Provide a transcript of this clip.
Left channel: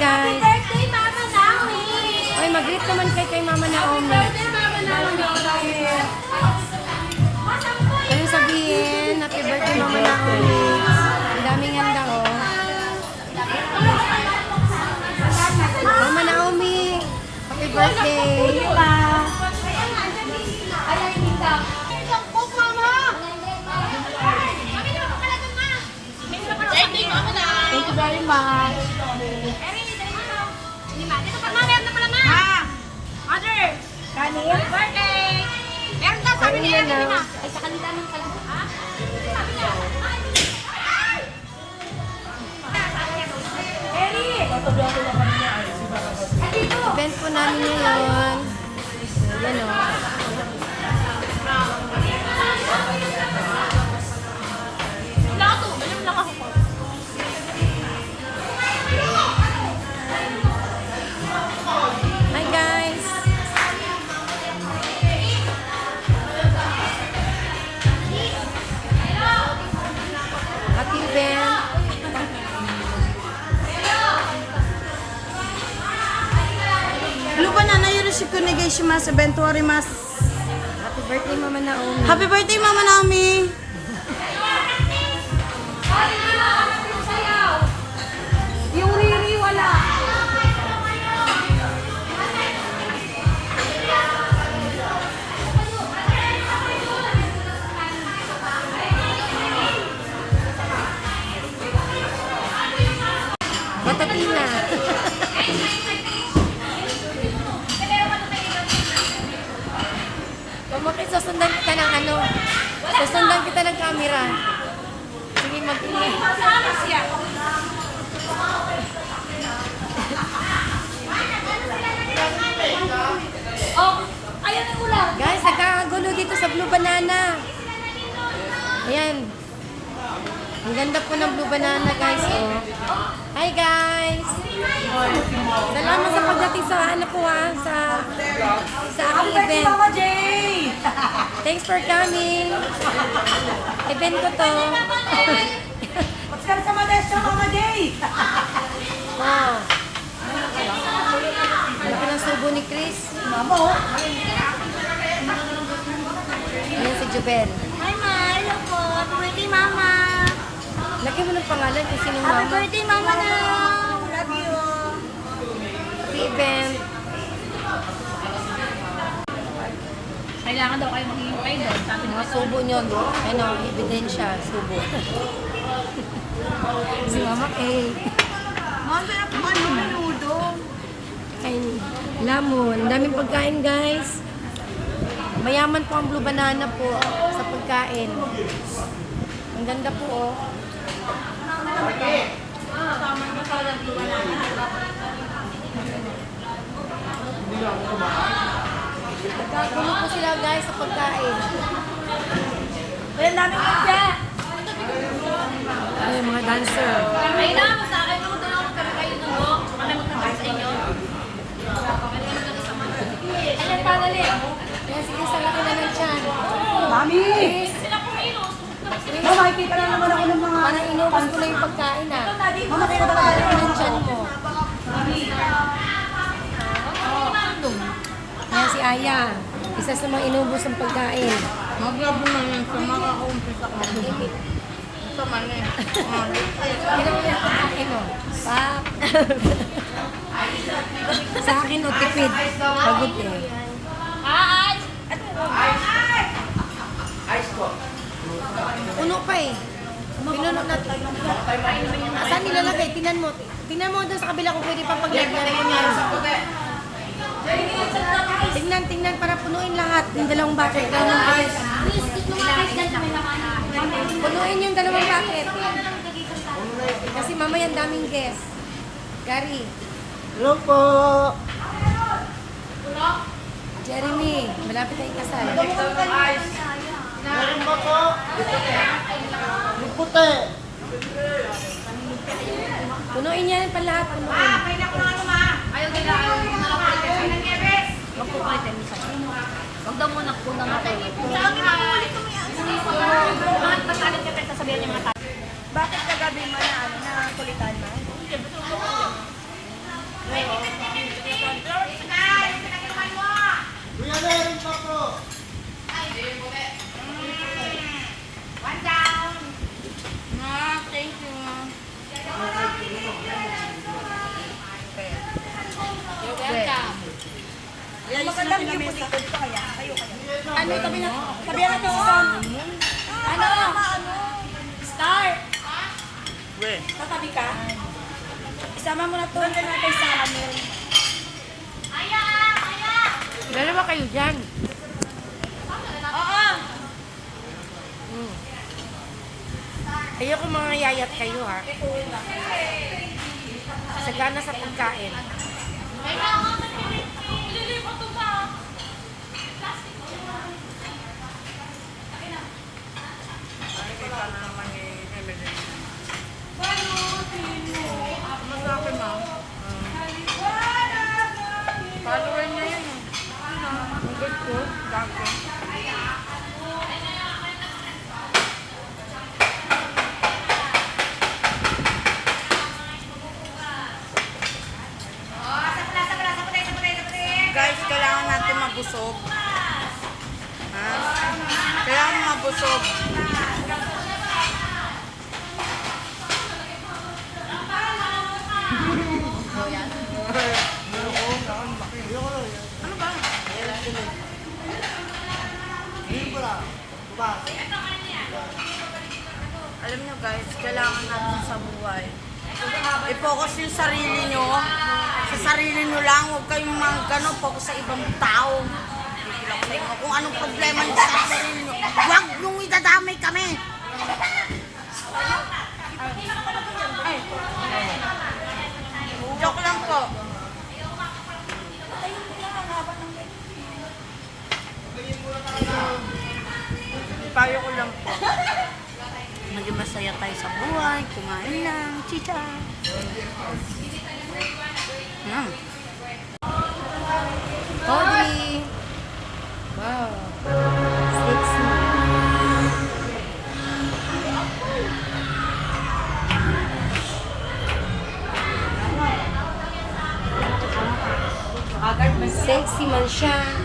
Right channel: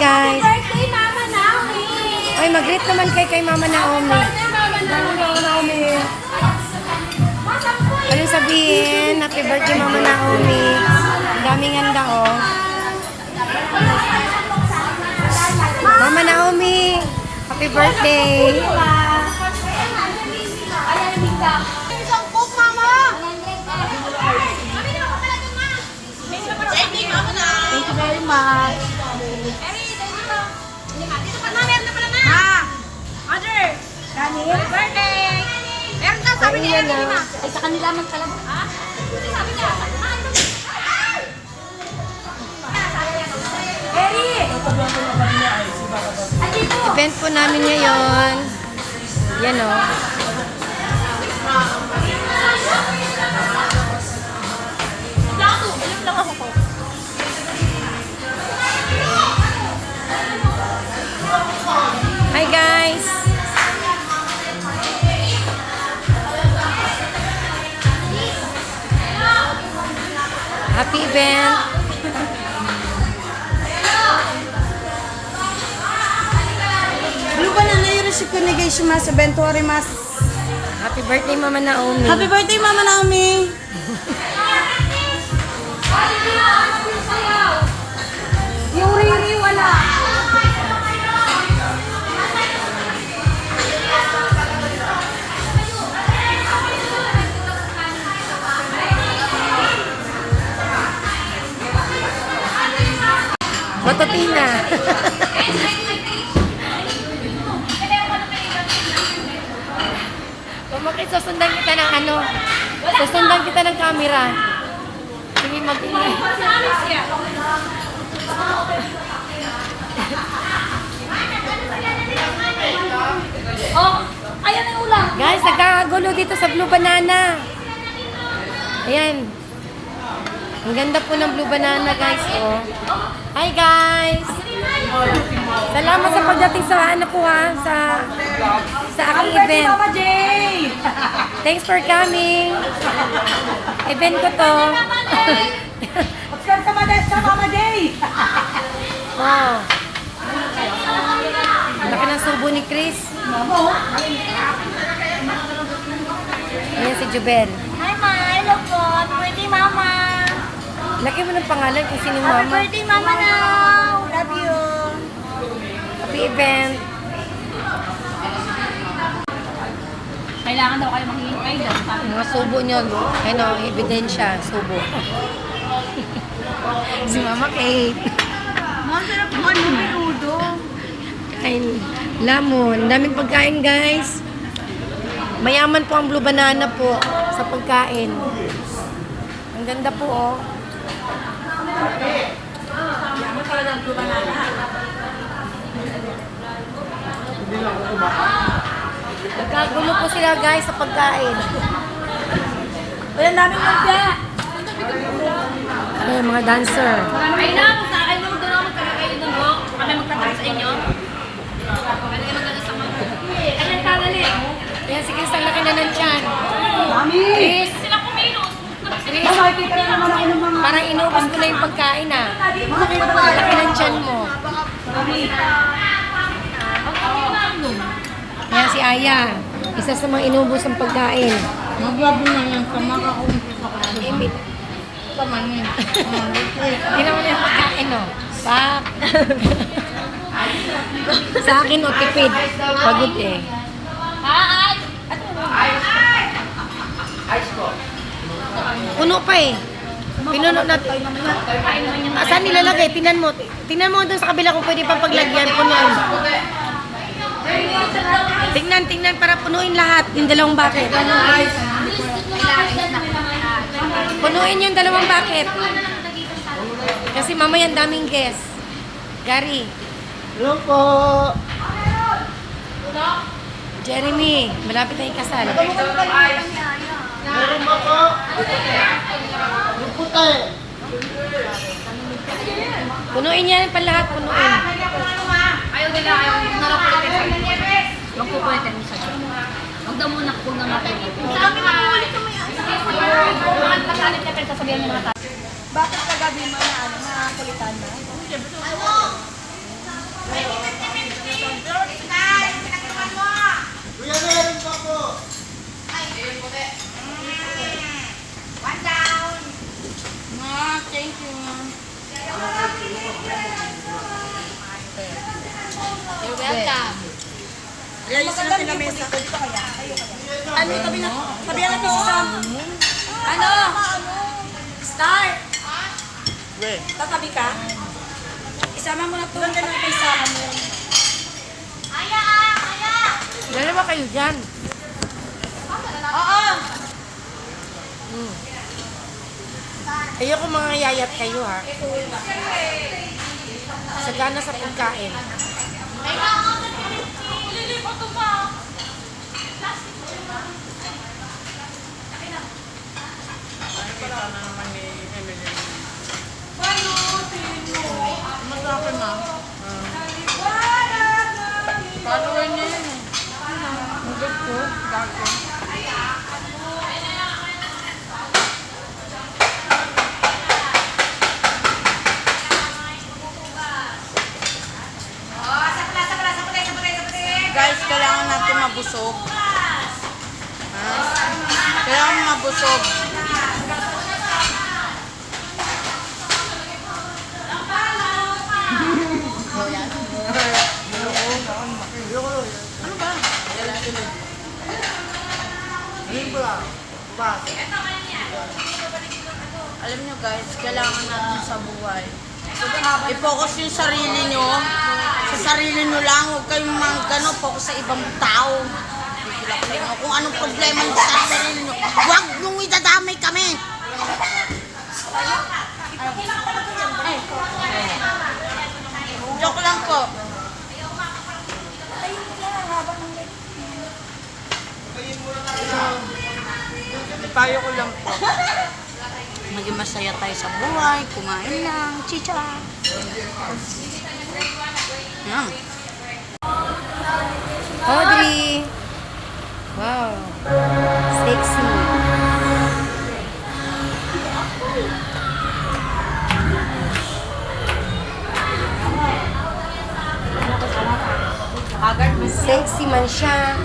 guys. Birthday, Mama Naomi! Ay, mag-greet naman kay kay Mama Naomi. Birthday, Mama Naomi! Anong sabihin? Happy birthday, Mama Naomi. Ang daming handa, oh. Mama Naomi, happy birthday. Thank you very much. Kanin? Birthday! Meron ka, niya. Kainin na. Ay, sa kanila man pala. Sabi niya. Eri! Event po namin ngayon. Yan, oh. Event. Lupa na na yoroshiku onegai shimasu. Bento arimasu. Happy birthday, Mama Naomi. Happy birthday, Mama Naomi. Batatina. Pumakit, susundan kita ng ano. Susundan kita ng camera. Sige, mag-ingay. Oh. Guys, nagkakagulo dito sa Blue Banana. Ayan. Ang ganda po ng Blue Banana, guys. Oh. Hi, guys. Salamat sa pagdating sa ano ko ha, sa sa aking event. Papa Jay! Thanks for coming. Event ko to. Oscar sa Madesta, Papa Jay! Oh. Laki ng subo ni Chris. Mamo, Ayan si Jubel. Hi, Ma. Hello po. Birthday, Mama. Laki mo ng pangalan kung Happy mama. birthday, Mama now. Love you. Happy event. Kailangan daw kayo maghihintay doon. Mga subo nyo, ano, ebidensya, subo. si Mama Kate. Ma'am, sarap mo ano, menudo. Kain lamon. Ang daming pagkain, guys. Mayaman po ang Blue Banana po sa pagkain. Ang ganda po, oh. Nagkagulo po sila, guys, sa pagkain. Walang daming kanya. Ano, mga dancer. Ay na, kung sa akin magdala ko pero kayo nung mo. Kami magtatay sa inyo. Pwede ka magdala sa mga. Ayan, tagali. Yan, sige, sa laki na ng tiyan. Mami! Chris, Mama, makikita lang naman ako ng mga... parang inubos ko na yung pagkain, ah. Mama, kita ba Laki ng tiyan mo. Yan si Aya. Isa sa mga inubos ng pagkain. Maglabi na yan sa mga kumpis ako. Imit. Tama na yun. Hindi naman yung pagkain, no? Pak. sa akin, o, tipid. Pagod eh. Hi! Puno pa eh. Pinuno na. Saan nilalagay? Tinan mo. Tinan mo doon sa kabila kung pwede pang paglagyan. Puno yun. Tingnan, tingnan para punuin lahat. Yung dalawang bucket. Punuin yung dalawang bucket. Kasi mamaya ang daming guest. Gary, Hello po! Jeremy, malapit na ikasal. Meron ba po? Yung puti. Punuin yan pa lahat, punuin. Ayaw nila, ayaw nila lang kulitin. Magpukulitin mo sa siya. Huwag daw muna kung na natin. Saan ka? Mga pasalit ka pero sabihan niya mga tao. Bakit kagabi mo na ano, na kulitan mo? Ma, thank you. You're welcome. Maganda yung pinamesa. Ano, tabi na, tabi na to. Ano? Ano? Star. Tatabi ka? Isama mo na to. Ano na kay Sarah mo? Dalawa kayo dyan. Oo. Mm. Ayoko mga yayat kayo ha. Sagana sa pagkain. Masakit na. Follower niya yun eh. Ang good ko. Gago. Guys, kailangan natin mabusog. Ha? Kailangan mabusog. Ano ba? Alam nyo guys, kailangan natin sa buhay. I-focus yung sarili nyo. Sa sarili nyo lang. Huwag kayong mga gano'n. Focus sa ibang tao. Kung anong problema nyo sa sarili nyo. Huwag nung idadamay kami. Ay. Joke lang po. Payo lang po. Maging masaya tayo sa buhay, kumain lang, chicha. Yan. Audrey! Wow. Sexy. Sexy man siya.